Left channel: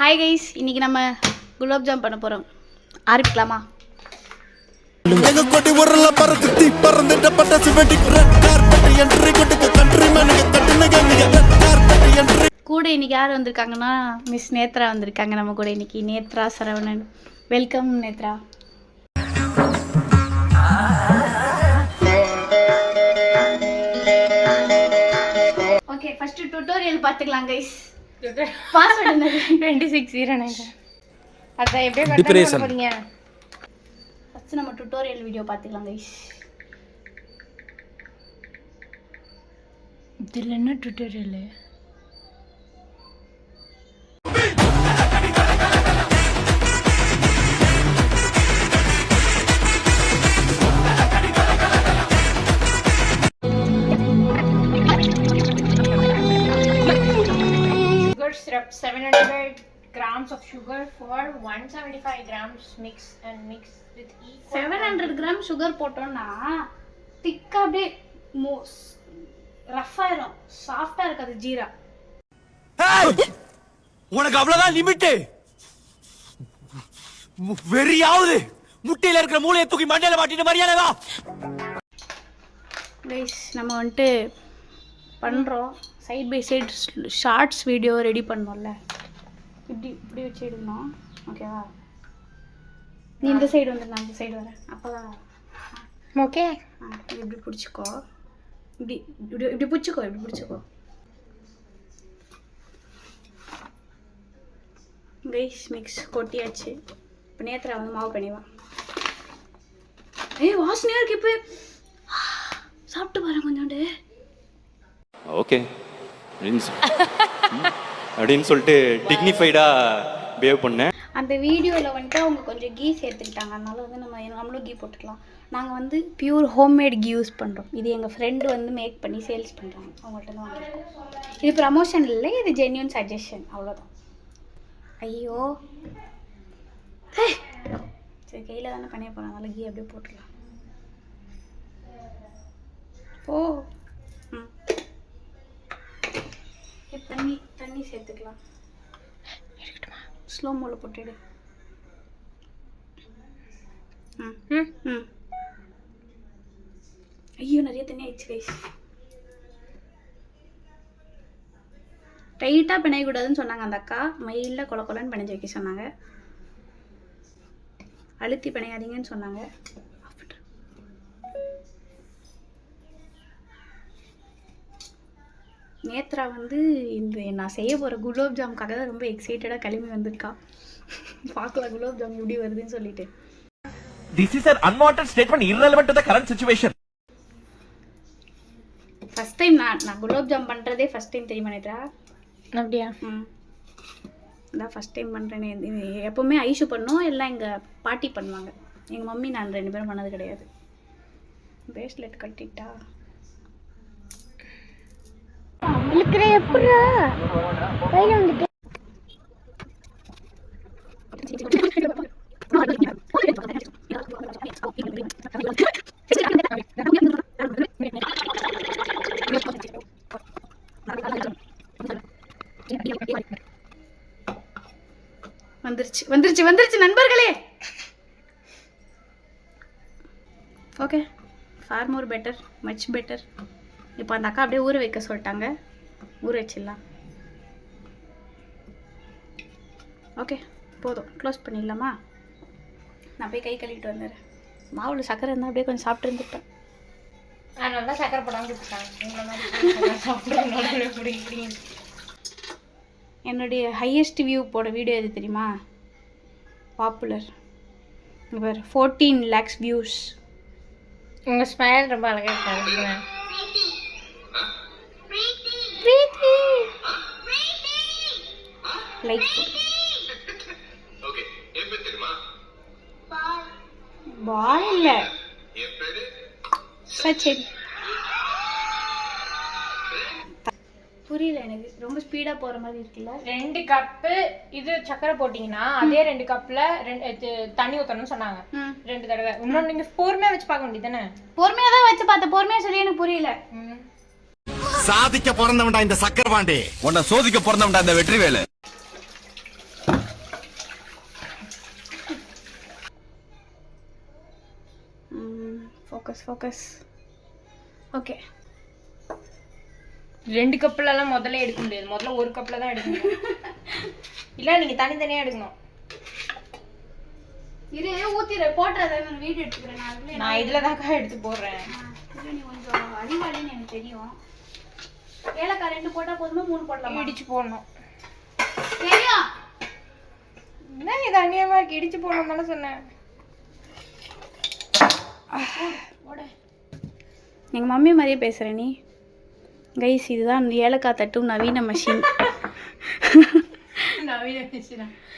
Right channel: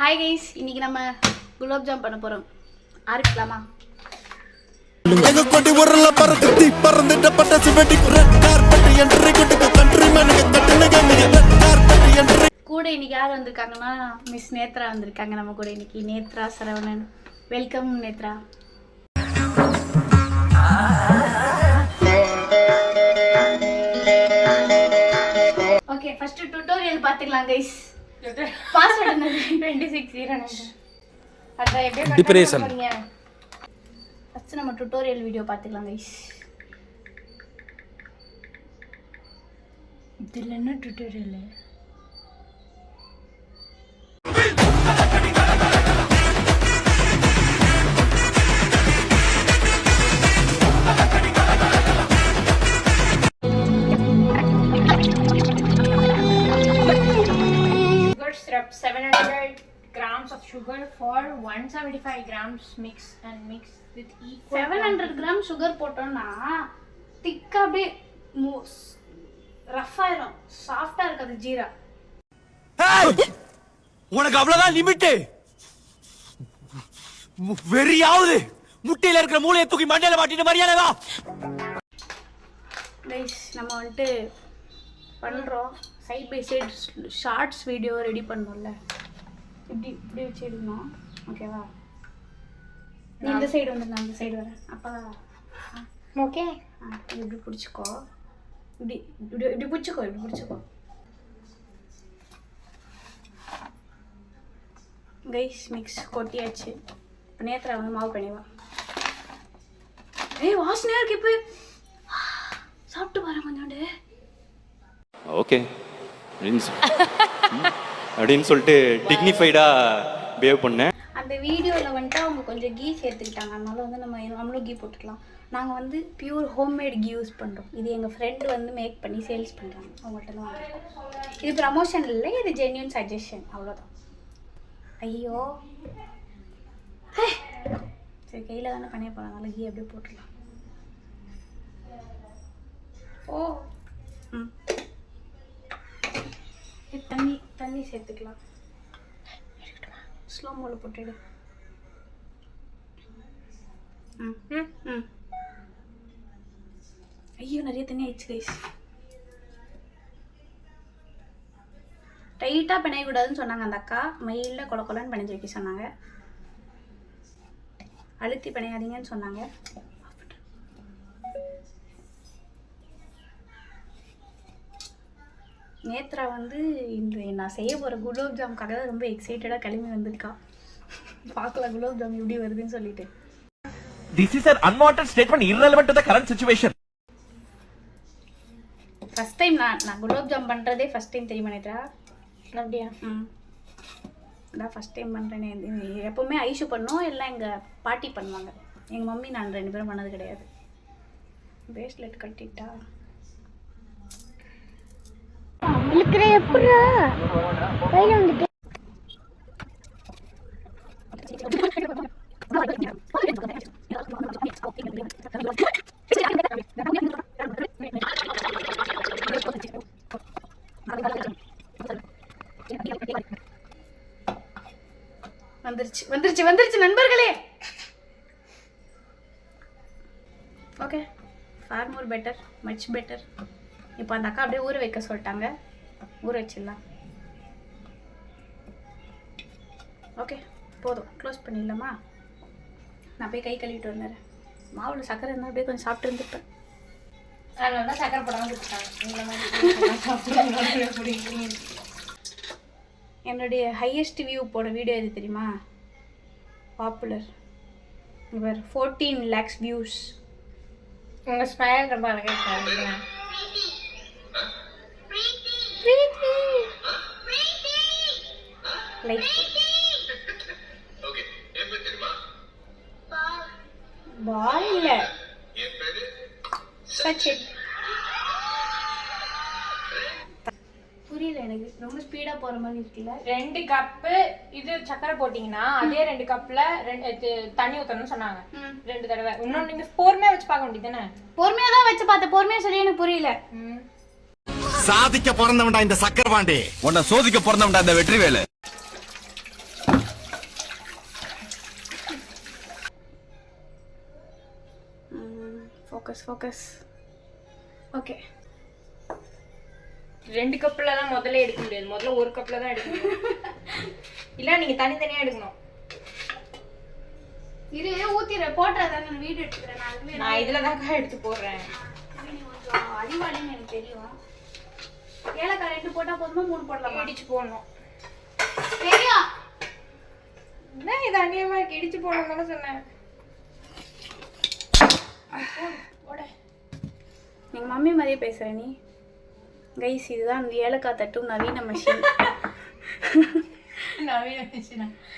Hi guys, இன்னைக்கு நம்ம gulab jam பண்ண போறோம். ஆரம்பிக்கலாமா? எங்க கொடி உரல பறக்குத்தி பறந்துட்ட பட்டாசு வெடி ரெட் கார்பெட் என்ட்ரி கொடுக்க கண்ட்ரி மேனுக்கு கட்டுனங்க ரெட் கார்பெட் என்ட்ரி. கூட இன்னைக்கு யார் வந்திருக்காங்கன்னா மிஸ் நேத்ரா வந்திருக்காங்க நம்ம கூட இன்னைக்கு. Nethra Saravanan, welcome Nethra. Okay, first tutorial பாத்துக்கலாம் கைஸ். பாஸ்வேர்ட் என்னது? 2609. அத எப்படி டிப்ரேஷன் பண்ணீங்க? ஃபர்ஸ்ட் நம்ம டுட்டோரியல் வீடியோ பாத்துக்கலாம் கைஸ். இதுல என்ன tutorial? Syrup 700 grams of sugar for 175 grams mix and mix with equal 700 gram sugar போட்டோம்னா திக்கா அப்படியே ரஃப் ஆயிரும், சாஃப்டா இருக்காது ஜீரா. உனக்கு அவ்வளவுதான் லிமிட். வெறியாவது முட்டையில இருக்கிற மூளையை தூக்கி மண்டையில மாட்டிட்டு மரியாதைவா. கைஸ், நம்ம வந்துட்டு பண்றோம் side by side shorts video ready பண்ணோம்ல. இப்படி இப்படி வச்சு எடுக்கணும். ஓகேவா? நீ இந்த சைடு வந்து நான் இந்த சைடு வரேன். அப்போதான் ஓகே. இப்படி பிடிச்சிக்கோ, இப்படி இப்படி இப்படி பிடிச்சிக்கோ, இப்படி பிடிச்சிக்கோ. கைஸ், மிக்ஸ் கொட்டியாச்சு. இப்போ நேத்ரா வந்து மாவு பண்ணிவா. ஏய், வாசனையா இருக்கு. இப்போ சாப்பிட்டு பாரு கொஞ்சோண்டு. ஓகே அப்படின்னு சொல்லிட்டு டிக்னிஃபைடா பிஹேவ் பண்ணேன். அந்த வீடியோவில் வந்துட்டு அவங்க கொஞ்சம் கீ சேர்த்துக்கிட்டாங்க. அதனால வந்து நம்மளும் கீ போட்டுக்கலாம். நாங்கள் வந்து பியூர் ஹோம்மேட் கீ யூஸ் பண்ணுறோம். இது எங்கள் ஃப்ரெண்டு வந்து மேக் பண்ணி சேல்ஸ் பண்ணுறாங்க. அவங்கள்ட்ட தான் வாங்கிருக்கோம். இது ப்ரமோஷன் இல்லை, இது ஜென்யூன் சஜஷன், அவ்வளோதான். ஐயோ, சரி, கையில் தானே பண்ணிய போனோம். அதனால கீ அப்படியே போட்டுடலாம். ஓ, ம், தண்ணி சேர்த்துக்கலாம். ஸ்லோ மோல போட்டுடு. ஐயோ, நிறைய தண்ணி ஆயிடுச்சு கைஸ். டைட்டாக பிணையக்கூடாதுன்னு சொன்னாங்க அந்த அக்கா. மயிலில் கொல கொலன்னு பிணைஞ்சு வைக்க சொன்னாங்க. அழுத்தி பிணையாதீங்கன்னு சொன்னாங்க. நேத்ரா வந்து இந்த நான் செய்ய போகிற குலாப் ஜாமுக்காக தான் ரொம்ப எக்ஸைட்டடாக கிளம்பி வந்திருக்கா. பார்க்கலாம் குலாப் ஜாம் எப்படி வருதுன்னு சொல்லிட்டு. This is an unwanted statement irrelevant to the current situation. First time நான் குலாப் ஜாம் பண்ணுறதே ஃபர்ஸ்ட் டைம் தெரியுமா நேத்ரா? அப்படியா? இதான் ஃபர்ஸ்ட் டைம் பண்ணுறேனே. எப்போவுமே ஐஷு பண்ணும், எல்லாம் எங்கள் பாட்டி பண்ணுவாங்க. எங்கள் மம்மி நான் 2 பேரும் பண்ணது கிடையாது. பிரேஸ்லெட் கட்டிட்டா வந்துருச்சு நண்பர்களே. Okay, for more better, much better. இப்போ அந்த அக்கா அப்படியே ஊற வைக்க சொல்லிட்டாங்க. ஊற வச்சிடலாம். ஓகே, போதும், க்ளோஸ் பண்ணிடலாமா? நான் போய் கை கழுவிட்டு வந்துடுறேன். மாவில் சக்கரை இருந்தால் அப்படியே கொஞ்சம் சாப்பிட்டு இருந்துப்பேன். நல்லா சக்கரை போடாமல் என்னுடைய ஹையஸ்ட் வியூ போட வீடியோ எது தெரியுமா? பாப்புலர். இவர் 14 lakhs வியூஸ். உங்கள் ஸ்மைல் ரொம்ப அழகாக இருக்காங்க. லைக் பால் இல்லை, சச்சின். புரியல எனக்கு, ரொம்ப ஸ்பீடாக போகிற மாதிரி இருக்குல்ல. 2 கப்பு இது சக்கரை போட்டிங்கன்னா அதே 2 கப்பில் தண்ணி ஊற்றணும்னு சொன்னாங்க 2 தடவை. இன்னொன்று நீங்கள் பொறுமையாக வச்சு பார்க்க வேண்டியது தானே? பொறுமையாக தான் வச்சு பார்த்தேன். பொறுமையாக சொல்லி எனக்கு புரியல. சாதிக்க பிறந்தவன்டா இந்த சக்கரபாண்டி, உன்னை சோதிக்க பிறந்தவன்டா இந்த வெற்றிவேலு. ஃபோக்கஸ். ஓகே, 2 கப்லலாம் முதல்ல எடுக்க முடியாது. முதல்ல 1 கப்ல தான் எடுக்கணும். இல்ல நீங்க தனித்தனியா எடுக்கணும். இரு ஊத்திர போட்றத நான் வீடியோ எடுத்துக்கிறேன். நான் இதுல தான் எடுத்து போடுறேன். நீ கொஞ்சம் அறிவாளின்னு எனக்கு தெரியும். ஏலக்காய் 2 போட்டா போதுமா 3 போடலாமா? இடிச்சு போடணும். தெரியும். என்ன இது அநியமா இடிச்சு போடணும்னு சொன்னேன். எங்க மம்மி மாதிரியே பேசுற நீ. கைஸ், இதுதான் ஏலக்காய் தட்டும் நவீன மெஷின்.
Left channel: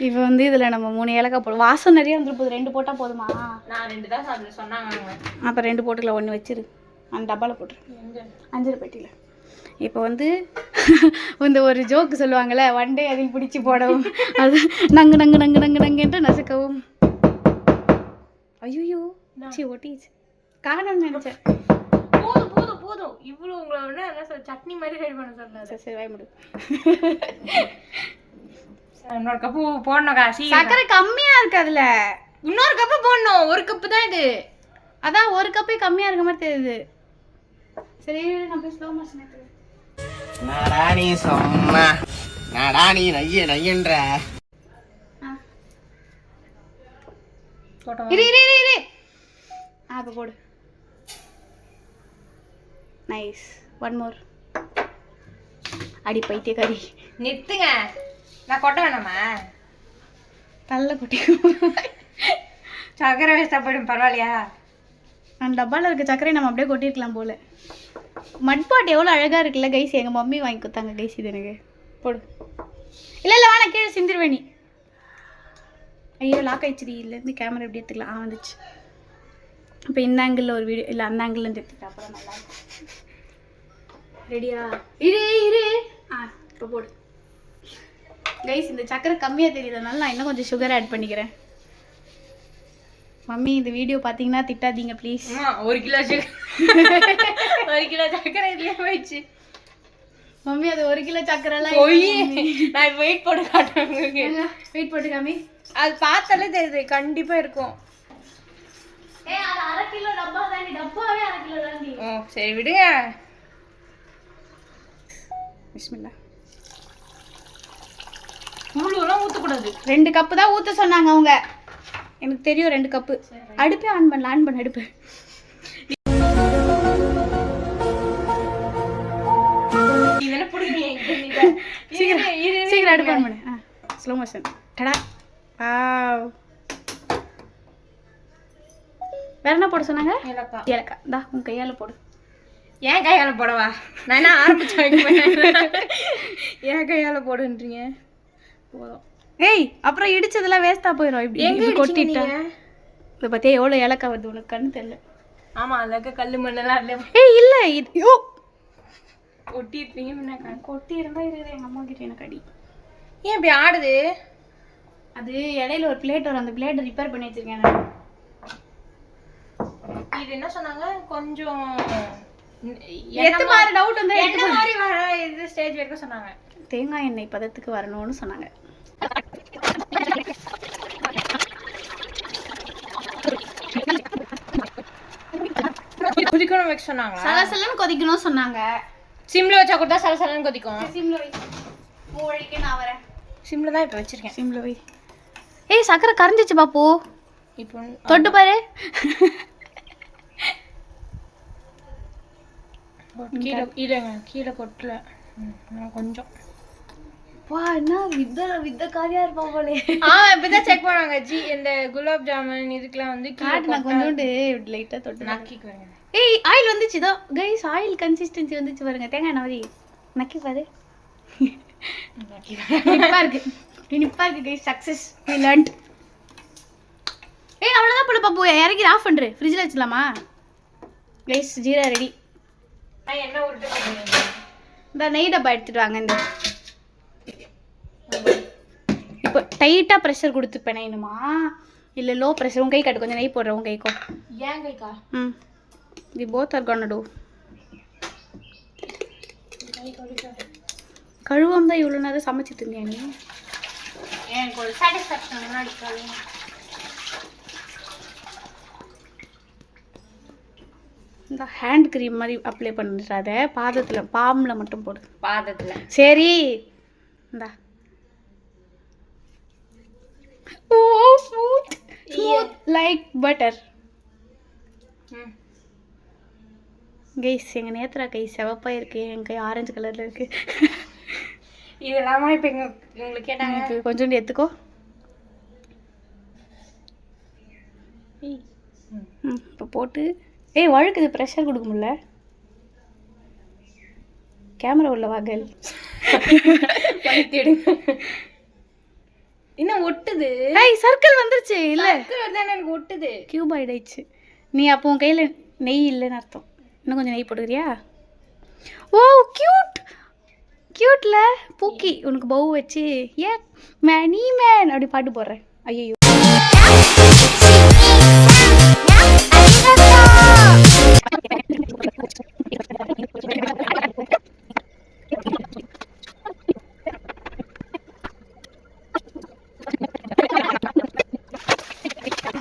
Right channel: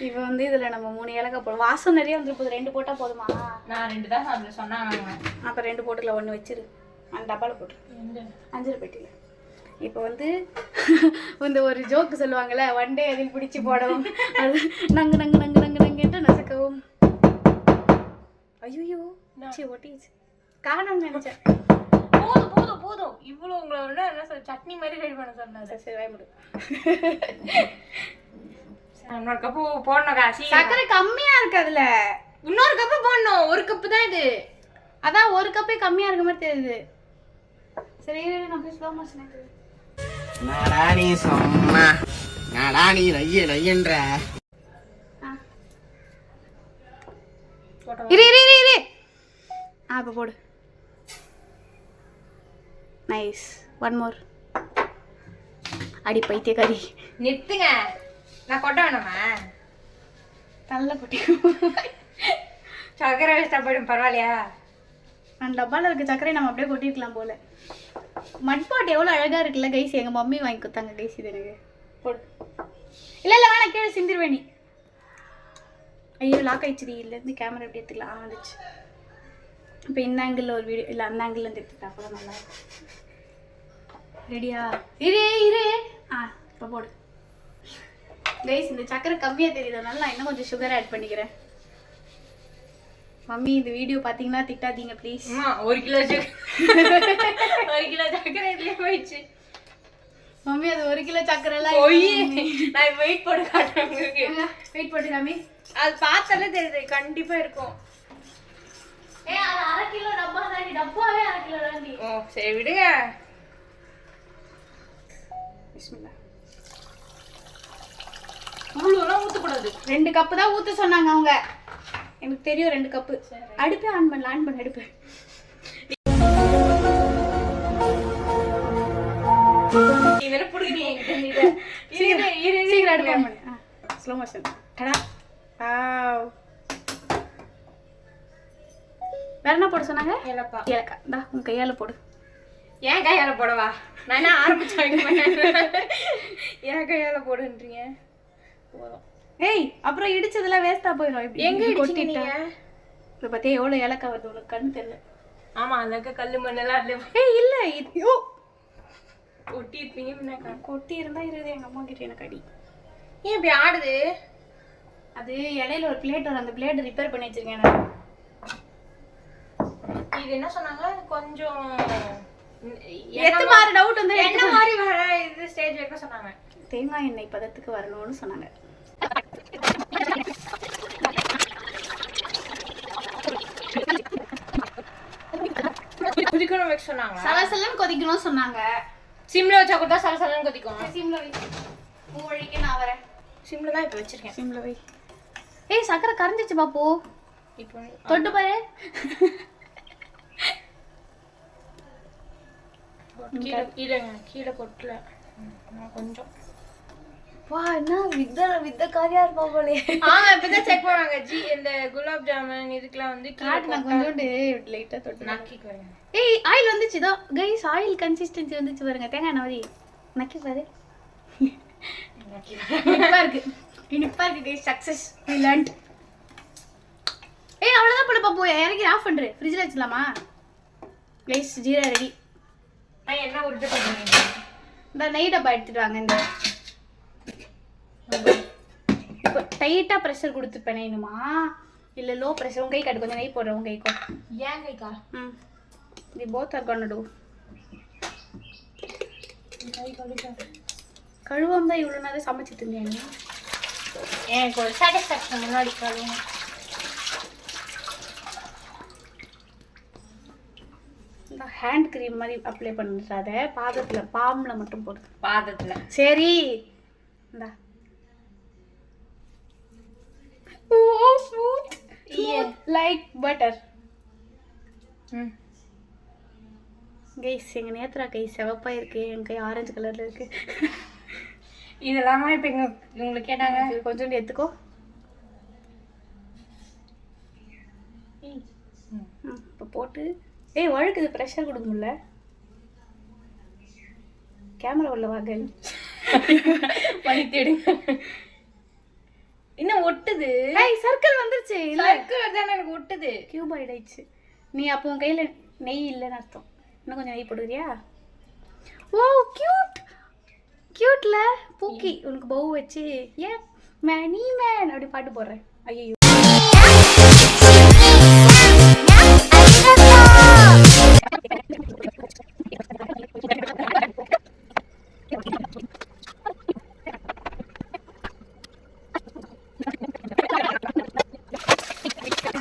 இப்போ வந்து இதுல நம்ம 3 ஏலக்காய் போடுவோம். வாசம் நிறைய வந்துட்டு போகுது. 2 போட்டா போதுமா? நான் 2 தான் அதுல சொன்னாங்க. அப்போ 2 போட்டுக்கலாம். 1 வச்சிரு. அந்த டப்பாவில் போட்டுரு. அஞ்சரை பெட்டியில். இப்போ வந்து இந்த ஒரு ஜோக்கு சொல்லுவாங்கள்ல, ஒன் டே அதில் பிடிச்சி போடவும், அது நங்கு நங்கு நங்கு நங்கு நங்குன்ட்டு நசுக்கவும். ஐயோ சி ஒட்டிச்சு காணும்னு நினச்சேன். போதும் போதும் போதும். இவ்வளோ உங்களோட என்ன சொல்ல சட்னி மாதிரி ரெடி பண்ண சொல்லாது. சரி சரி, வாய் முடி. இன்னொரு கப்பு போடணும் காசி. சக்கரை கம்மியாக இருக்கு அதில். இன்னொரு கப்பு போடணும். 1 கப்பு தான் இது. அதான் 1 கப்பே கம்மியாக இருக்க மாதிரி தெரியுது. சரி, நான் போய் ஸ்லோ மோஷன் ஆக்குறேன். நாடா நீ சும்மா நாடா நீ நையன்ற இரு இரு இரு இரு. இப்போ போடு. நைஸ். 1 மோர். அடி பைத்தியக்காரி. நிறுத்துங்க. நான் கொட்ட வேணாமா? நல்ல குட்டி. சக்கரை வேஸ்டா போயிடும். பரவாயில்லையா? அந்த டப்பாவில் இருக்க சக்கரை நம்ம அப்படியே கொட்டிருக்கலாம் போல. மட்பாட் எவ்வளோ அழகாக இருக்குல்ல கைஸ். எங்கள் மம்மி வாங்கி கொடுத்தாங்க கைஸ். இது எனக்கு போடு. இல்லை இல்லை வேணா, கீழே சிந்திருவேணி. ஐயோ லாக் ஆயிடுச்சு. இல்லைருந்து கேமரா எப்படி எடுத்துக்கலாம்? வந்துச்சு. இப்போ இந்த ஆங்கிளில் ஒரு வீடியோ, இல்லை அந்த ஆங்கிள்லேருந்து எடுத்துக்கலாம். அப்போ தான் நல்லாயிருக்கும். ரெடியா? இரு இரு. இப்போ போடு கைஸ். இந்த சக்கரை கம்மியாக தெரியுறதுனால நான் இன்னும் கொஞ்சம் சுகர் ஆட் பண்ணிக்கிறேன். மம்மி இந்த வீடியோ பார்த்தீங்கன்னா திட்டாதீங்க ப்ளீஸ். 1 கிலோ சக்கரை 1 கிலோ சக்கரை இதுல போயிடுச்சு. மம்மி அது 1 கிலோ சக்கரைலாம் போய் நான் வெயிட் போட்டு காட்டுறேன் உங்களுக்கு. வெயிட் போட்டு காமி. அது பார்த்தாலே தெரியுது. கண்டிப்பா இருக்கும். அது 1/2 கிலோ டப்பா தாண்டி. டப்பாவே 1/2 கிலோ தாண்டி. ஓ சரி விடுங்க. பிஸ்மில்லா. முழுவெல்லாம் ஊற்றக்கூடாது. 2 கப்பு தான் ஊற்ற சொன்னாங்க அவங்க. எனக்கு தெரியும் 2 கப்பு. அடுப்பே ஆன் பண்ண அடுப்பு. இதெல்லாம் பிடிக்கிறீங்க. சீக்கிரம் அடுப்பு ஆன் பண்ணு. Slow motion. டடா. வாவ். வேற என்ன போட சொன்னாங்க? ஏலக்காய். இந்தா உன் கையால் போடு. ஏன் கையால் போடவா? நான் என்ன ஆரம்பிச்சு வைக்க ஏன் கையால் போடுன்றீங்க? ஏய் அப்புறம் இடிச்சதெல்லாம் வேஸ்ட்டாக போயிடும். இப்படி எங்கே கொட்டிட்டேன். இதை பார்த்தியா எவ்வளோ ஏலக்காய் வருது உனக்கு? கண்ணு தெரியல. ஆமாம் அதில் இருக்க கல் மண்ணெல்லாம் அதில். ஏய் இல்லை இது கொட்டி இருப்பீங்க. முன்ன கொட்டி இருந்தால் இருக்குது. எங்கள் அம்மா கிட்ட எனக்கு அடி. ஏன் இப்படி ஆடுது? அது இடையில ஒரு பிளேட் வரும். அந்த பிளேட்டை ரிப்பேர் பண்ணி வச்சிருக்கேன் நான். இது என்ன சொன்னாங்க? கொஞ்சம் எத்து பாரு டவுட் வந்து என்ன மாதிரி வர இது ஸ்டேஜ் வரைக்கும் சொன்னாங்க. தேங்காய் எண்ணெய் பதத்துக்கு வரணும்னு சொன்னாங்க. கொதிக்கணும் வைக்க சொன்னாங்க. சலசலன்னு கொதிக்கணும் சொன்னாங்க. சிம்ல வச்சா கூட சலசலன்னு கொதிக்கும். சிம்ல வை. மூழ்கிக்க நான் வரேன். சிம்ல தான் இப்போ வச்சிருக்கேன். சிம்ல வை. ஏய் சக்கரை கரைஞ்சிச்சு பாப்பு. இப்போ தொட்டு பாரு. கீழே கொட்டல கொஞ்சம். வா என்ன வித்த காரியா இருப்பா போலே. இப்பதான் செக் பண்ணாங்க. இந்த குலாப் ஜாமுன் இதுக்கெல்லாம் வந்து நான் கொஞ்சோண்டு லைட்டா தொட்டு நக்கிக்குவேன். ஏய் ஆயில் வந்துச்சு. இதோ கைஸ் ஆயில் கன்சிஸ்டன்சி வந்துச்சு பாருங்க. தேங்காய் எண்ணெய் மாதிரி நக்கி பாரு. இனிப்பா இருக்கு கைஸ். Success we learned. ஏய் அவ்வளவுதான் போல பாப்பு. இறக்கி ஆஃப் பண்று. ஃப்ரிட்ஜ்ல வச்சிடலாமா கைஸ்? ஜீரா ரெடி. நான் என்ன உருட்டு பண்ணுறீங்க? இந்த நெய் டப்பா எடுத்துட்டு வாங்க. இந்த இப்போ டைட்டாக ப்ரெஷர் கொடுத்து பிணையணுமா இல்லை லோ ப்ரெஷர்? உன் கை காட்டு. கொஞ்சம் நெய் போடுறேன் உன் கைக்கோ. ஏன் கைக்கா? We both are gonna do. கழுவாம தான் இவ்வளோ நேரம் சமைச்சிட்டு இருந்தேன். எனக்கு ஒரு சாட்டிஸ்ஃபேக்ஷன் முன்னாடி கழுவும். இந்த ஹேண்ட் க்ரீம் மாதிரி அப்ளை பண்ணிடுறாத, பாதத்தில் பாம்பில் மட்டும் போடு. பாதத்துல சரி இந்தா. Oh smooth smooth like butter. Guys எங்கள் நேத்ரா கை சிவப்பாக இருக்குது, என் கை ஆரஞ்சு கலரில் இருக்குது. இதெல்லாமா இப்போ உங்களுக்கு கேட்டாங்க. கொஞ்சோண்டு எடுத்துக்கோ. இப்போ போட்டு வழுக்குது, ப்ரெஷர் கொடுக்க முடியல. கேமரா உள்ள வாங்கல் இன்னும் ஒட்டுது. சர்க்கிள் வந்துருச்சு. இல்லை எனக்கு ஒட்டுது. கியூப் ஆயிடுச்சு. நீ அப்போ உன் கையில் நெய் இல்லைன்னு அர்த்தம். இன்னும் கொஞ்சம் நெய் போட்டுக்கிறியா? ஓ கியூட் கியூட்ல பூக்கி உனக்கு பவு வச்சு ஏ மேனி மேன் அப்படி பாட்டு போடுறேன். ஐயோ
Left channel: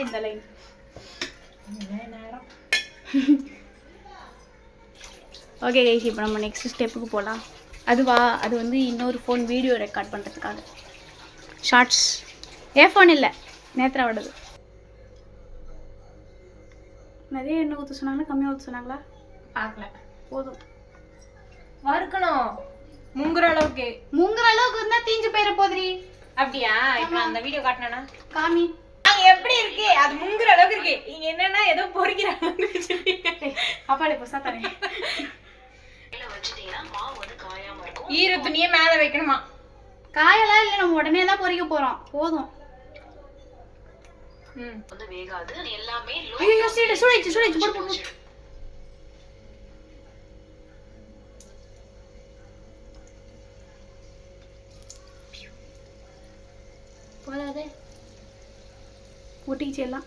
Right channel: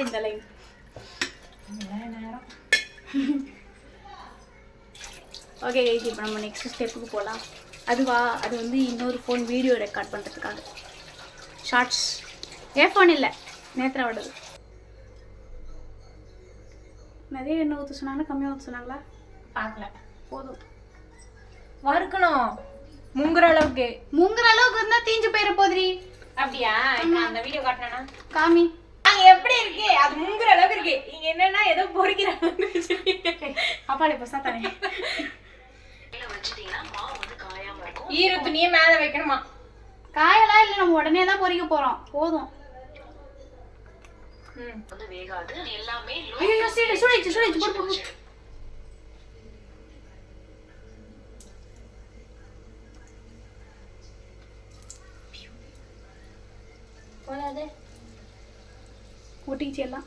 இந்த லைன் ஓகே கைஸ், இப்போ நம்ம நெக்ஸ்ட் ஸ்டெப்புக்கு போகலாம். அது வந்து இன்னொரு ஃபோன் வீடியோ ரெக்கார்ட் பண்ணுறதுக்காக. ஷார்ட்ஸ் ஃபோன் இல்லை, நேத்ராவோடது. நிறைய எண்ணெய் ஊற்ற சொன்னாங்களா கம்மியாக ஊற்ற சொன்னாங்களா? பார்க்கல. போதும். வறுக்கணும் முங்குற அளவுக்கு. முங்குற அளவுக்கு இருந்தால் தீஞ்சு போயிட போதுரி. அப்படியா? இப்போ அந்த வீடியோ காட்டினா காமி அங்க எப்படி இருக்கு? அது முங்குற அளவுக்கு இருக்கு. இங்க என்னன்னா ஏதோ பொரிக்கிறாங்க. அப்பாலே பசா தானே. ஈர துணியே மேல வைக்கணுமா? காயெல்லாம் இல்லை, நம்ம உடனே தான் பொரிக்க போறோம். போதும். ஐயோ சூடாயிடுச்சு சூடாயிடுச்சு. போதாதே ஒட்டிச்சு எல்லாம்.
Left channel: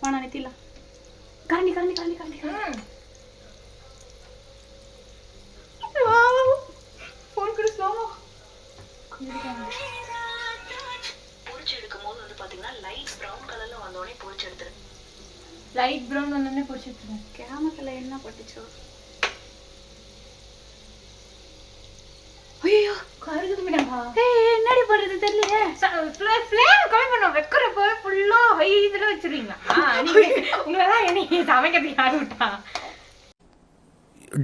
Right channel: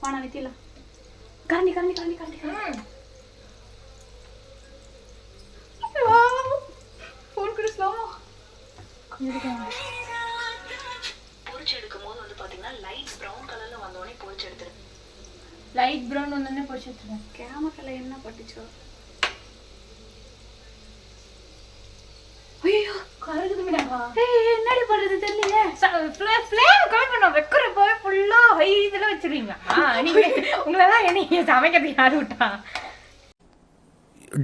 போனா நிறுத்திடலாம். கரண்டி கரண்டி கரண்டி கரண்டி கரண்டி. ஃபோன் கூட ஸ்லோமோ பொரிச்செடுக்கும் போது வந்து பாத்தீங்கன்னா லைட் பிரவுன் கலர்ல வந்தோடனே பொரிச்செடுத்துரு. லைட் பிரவுன் வந்தோடனே பொரிச்செடுத்துருவேன். கேமத்துல என்ன போட்டுச்சோ? ஐயோ கருகுது மேடமா. என்னடி பண்றது தெரியலையே. ஃப்ளேம் கம்மி பண்ண வைக்கிறப்போ ஃபுல்லா ஹை இதுல வச்சிருவீங்களா நீங்க? உங்களெல்லாம் என்ன சமைக்கிறதுக்கு யாரு விட்டா?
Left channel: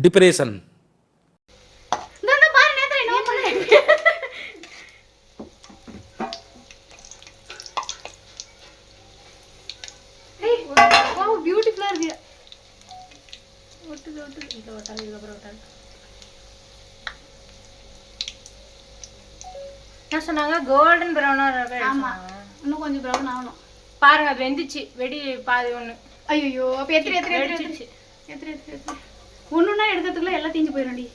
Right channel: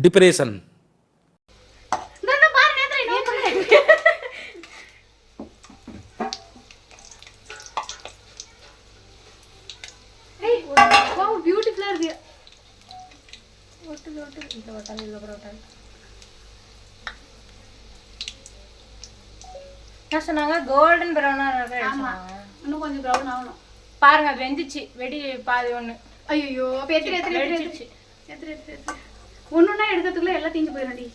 டிப்ரெஷன். பியூட்டிஃபுல்லா இருக்கு. ஒட்டுது ஒட்டுது. இந்த ஒட்டாது இதுக்கப்புறம் ஒட்டாது. என்ன சொன்னாங்க? கோல்டன் ப்ரௌனா இன்னும் கொஞ்சம் ப்ரௌன் ஆகணும். பாருங்க அது வெந்துச்சு. வெடி பாதி ஒண்ணு. ஐயோ அப்ப எத்திரி எத்திரி வெடிச்சிச்சு. எத்திரி எத்திரி எத்திரி ஒண்ணுன்னா எடுக்கிறதுக்குள்ள எல்லாம் தீஞ்சு போயிடும்டி.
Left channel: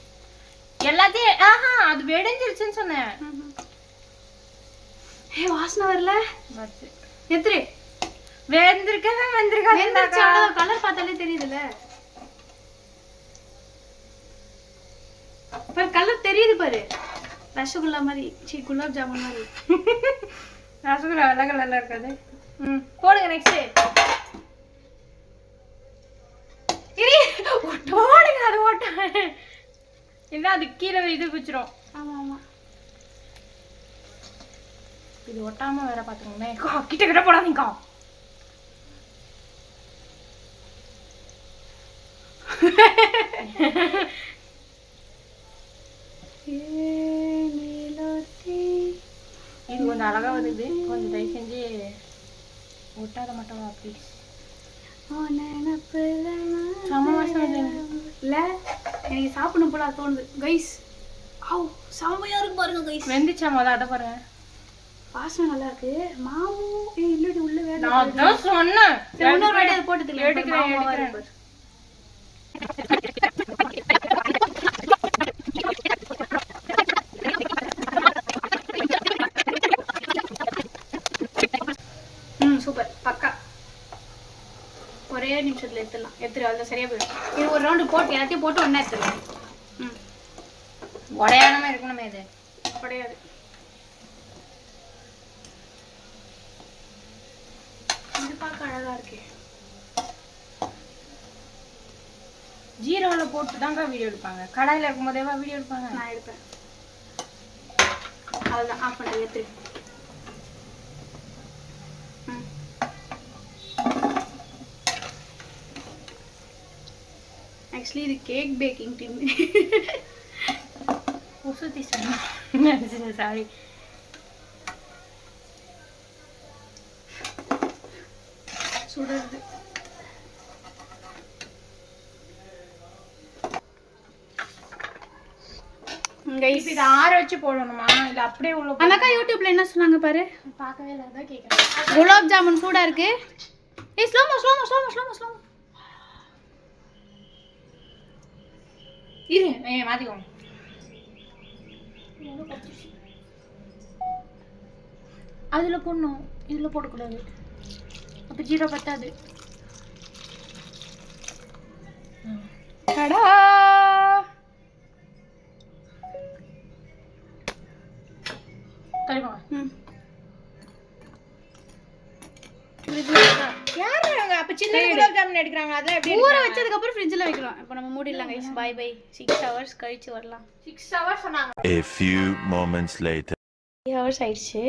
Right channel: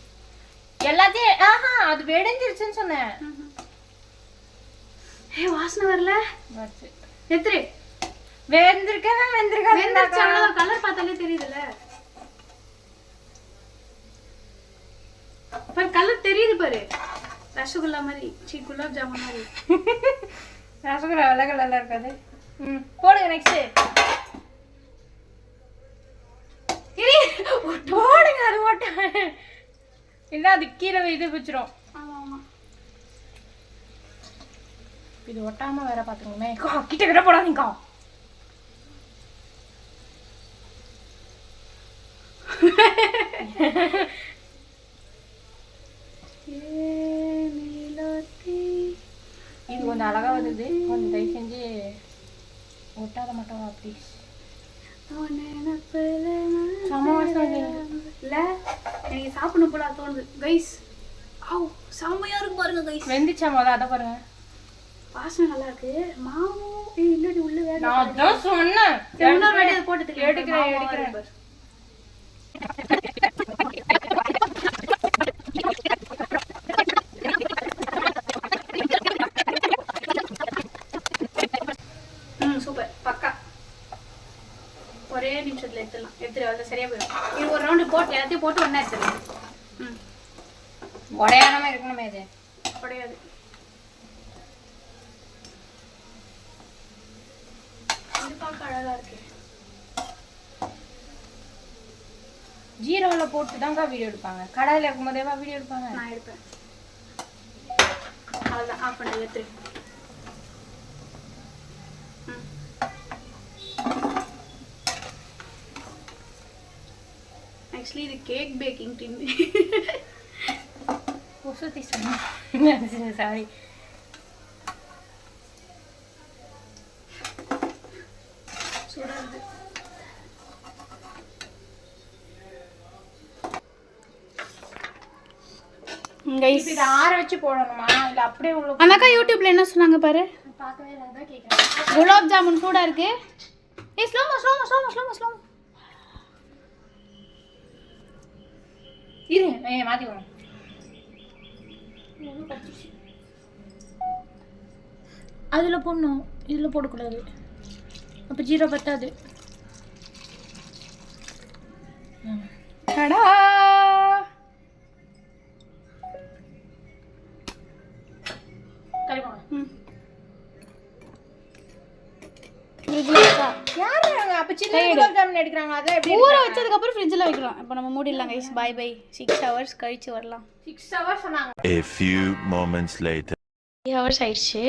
எல்லாத்தையும் அது வெடிஞ்சிருச்சுன்னு சொன்னேன். வாசனை வரல. எத்திரி வெந்திருக்கவே வெந்திருக்காது. கலர் பார்த்தாலே தெரியுதுல்ல. பாரு கலர் தெரியுது பாரு. ரசகுல்லா மாதிரி. குலாப் ஜாமுன் மாதிரி. ரசகுல்லா வெள்ளை கலர்ல இருக்காது. போடுங்க நெக்ஸ்ட். போடுங்க அது ஓட்ட. இல்ல அது கீழே இது பிச்சிரும். இது ஒட்டாம வேற பாத்துக்கோமே. கிட்ட கிட்ட போடாதீங்க. இது கொஞ்சம் அழகா வருது. கொஞ்சம் தயவு செஞ்சு ஒட்டாத மாட்டோம். அப்படி செம வாசம் இல்ல எனக்கு சாப்பிடணும் போல தோணுது கைஸ். செம்மையா இருக்கு பாருங்க கைஸ். வெந்துச்சா மொதல் அதை பாருங்க. வாசனை நல்லா இருக்கு. மாவு இல்லடி உள்ள வேற. நான் அதான் சொன்னேன். இன்னொரு வாட்டி போட்டு எடுக்கிறேன். சூப்பர் பக்கா. ஒரே நிமிஷத்துல எடுத்துடலாம். எடுத்துட்டு சரியா போயிடும். இது ஒரு ரவுண்டு போட்டு எல்லாத்தையும் போட்டு ஒண்ணா எடுத்துடலாம். உடையானமா இருக்கணுமே. இது உடையாது. இது பார்க்க அழகா இருக்கு. ஜீரோல போட்டு தாங்க வீடியோ எடுப்பாங்க. கடாயில இருக்கும் போதேவா வீடியோ எடுப்பாங்க. நான் எடுப்பேன். அவ்வளோதான், ஆஃப் பண்ணி எடுத்துரு. ஆக்சுவலி இது கேக் பேக்கிங் டீம். உசுத்தி சொன்னேன். சாரி. சுடுறது. இப்ப இதை ஆற வச்சு போடணுமா இல்ல அப்படியே உள்ள அந்த அக்கா யூடியூப்ல என்ன சொன்னாங்க பாரு. பார்க்கவே இல்லை, அதான் கேட்குறேன். குலாப் ஜாமுன் சூடா இருக்கு. ஏய் slo-mo slo-mo slo-mo slo-mo slo-mo. இரு மாத்திக்கோங்க. அதுல போடணும், இதுல போடக்கூடாது, அப்ப ஜீரோ பத்தாது. கடா சரிமா. ம். யாரு அப்ப சின்ன குலாப் ஜாமுன் எடுக்கறாங்க? அத எப்படி ஊற வச்சதுக்கு அப்புறம் ஃப்ரிட்ஜ்ல வைக்கலாம். இப்போ நம்ம மூடிடலாம் गाइस. By by. 6 hours கழிச்சு வரலாம். 6 hours சொன்னாங்க. A few moments later 3 hours ஆயிடுச்சு.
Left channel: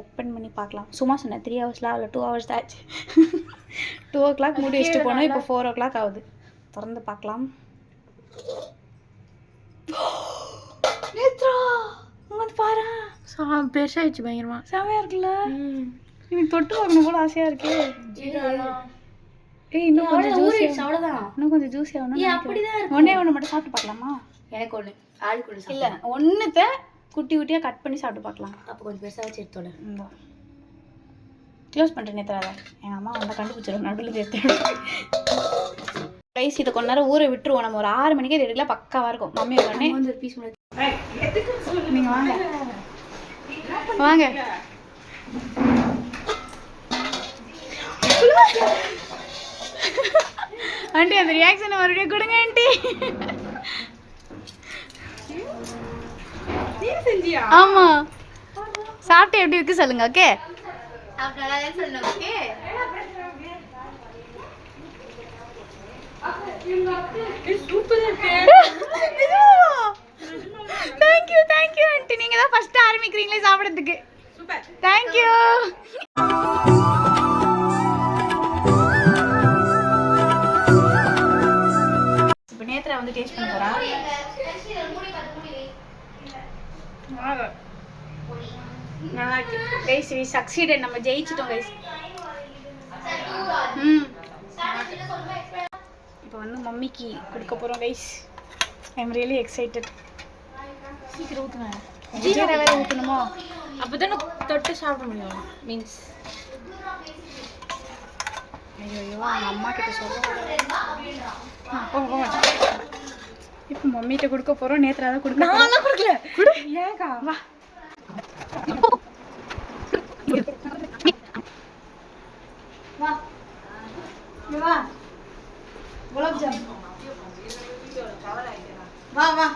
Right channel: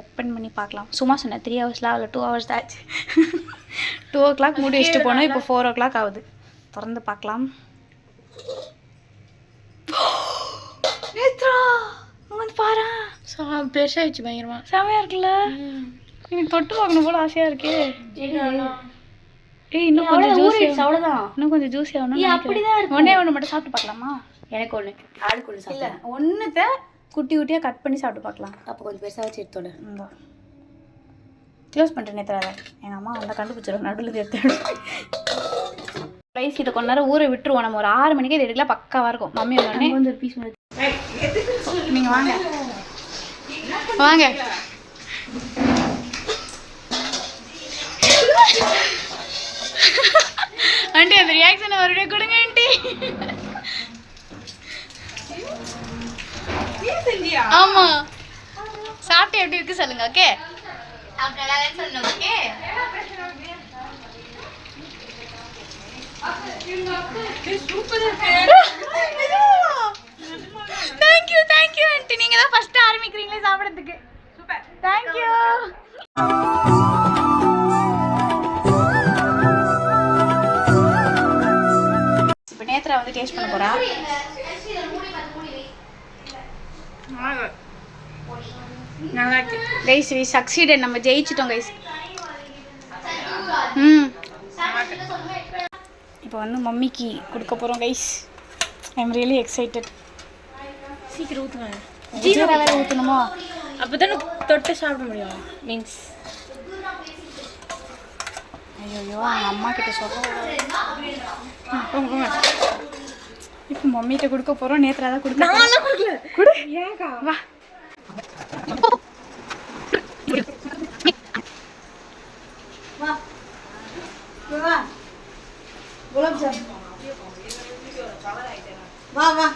ஓப்பன் பண்ணி பார்க்கலாம். சும்மா சொன்னேன் 3 ஹவர்ஸ்லாம் இல்லை, 2 hours தான் ஆச்சு. 2 o'clock மூடி வச்சுட்டு போனோம். இப்போ 4 o'clock ஆகுது. திறந்து பார்க்கலாம். நேத்ரா வந்து பாரு. பெருசாயிடுச்சு பயங்கரமா. செமையா இருக்குல்ல? எனக்கு தொட்டு பார்க்கணும் போல ஆசையா இருக்கே. ஏய் இன்னும் கொஞ்சம் ஜூஸி. அவ்வளோதான். இன்னும் கொஞ்சம் ஜூஸி ஆகணும். அப்படிதான் இருக்கு. ஒண்ணே ஒன்று மட்டும் சாப்பிட்டு பார்க்கலாமா? எனக்கு ஒன்று ஆளுக்கு ஒன்று இல்லை, சாப்பிட்டேன். ஒன்றுத்தை குட்டி குட்டியாக கட் பண்ணி சாப்பிட்டு பார்க்கலாம். அப்போ கொஞ்சம் பெருசாக வச்சு எடுத்தோட இந்த க்ளோஸ் பண்ணிட்டேன். நேற்று எங்கள் அம்மா வந்தால் கண்டுபிடிச்சிடும் நடுவில் எடுத்து. ரைஸ் இதை கொஞ்ச நேரம் ஊற விட்டுருவோம். நம்ம ஒரு 6 மணிக்கே இது எடுக்கலாம், பக்காவாக இருக்கும். மம்மி வந்தோடனே ஒரு பீஸ் நீங்கள் வாங்க வாங்க. ஆண்டி அந்த ரியாக்ஷனை மறுபடியும் கொடுங்க ஆண்டி. ஆமா சாப்பிட்டு எப்படி இருக்கு சொல்லுங்க. Okay thank you thank you aunty. நீங்க தான் ஃபர்ஸ்ட் ஆரம்பிக்கிறீங்களே சாப்பிட்றதுக்கு. Super thank you. இப்போ நேத்ரா வந்து டேஸ்ட் பண்ண போறா. நல்லா இருக்கு கைஸ். We succeeded. நம்ம ஜெயிச்சிட்டோம் கைஸ். இப்போ வந்து மம்மிக்கு கொடுக்க போகிறோம் guys. I am really excited. சீக்கிரம் ஊத்துங்க. ஜீரா வேற ஊற்றணுமா? அப்பதானே தொட்டு சாப்பிட முடியும். மீன்ஸ் ஐயோ அவங்க அம்மா கிட்ட சொல்கிறோம். இப்போ மம்மிகிட்ட கொடுக்க போகிறோம். நேத்ரா தான் கொடுக்க. நான்லாம் கொடுக்கல. கொடு. ஏங்கா வா. வா குலாப் ஜாமுன். வா வா.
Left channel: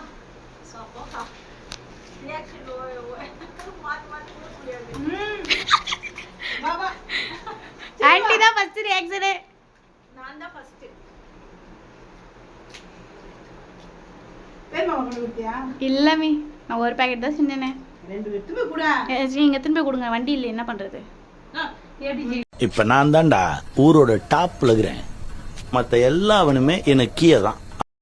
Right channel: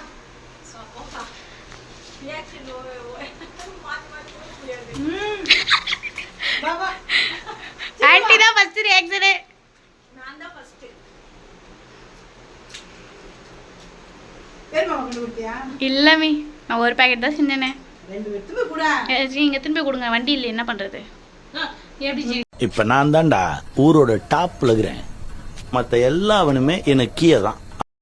ஆன்ட்டி தான் ஃபர்ஸ்ட் ரியாக்ஷனே. நான் தான் ஃபர்ஸ்ட். பேர் மாமா கொண்டு கொடுத்தியா? இல்ல மீ, நான் ஒரு பாக்கெட் தான் செஞ்சேனே. 2 எடுத்து போய் குடா. நீங்க எடுத்து போய் கொடுங்க. வண்டி இல்ல, என்ன பண்றது? இப்ப நான் தான்டா ஊரோட டாப்ல இருக்கிறேன். மத்த எல்லாவனுமே எனக்கு கீழே தான்.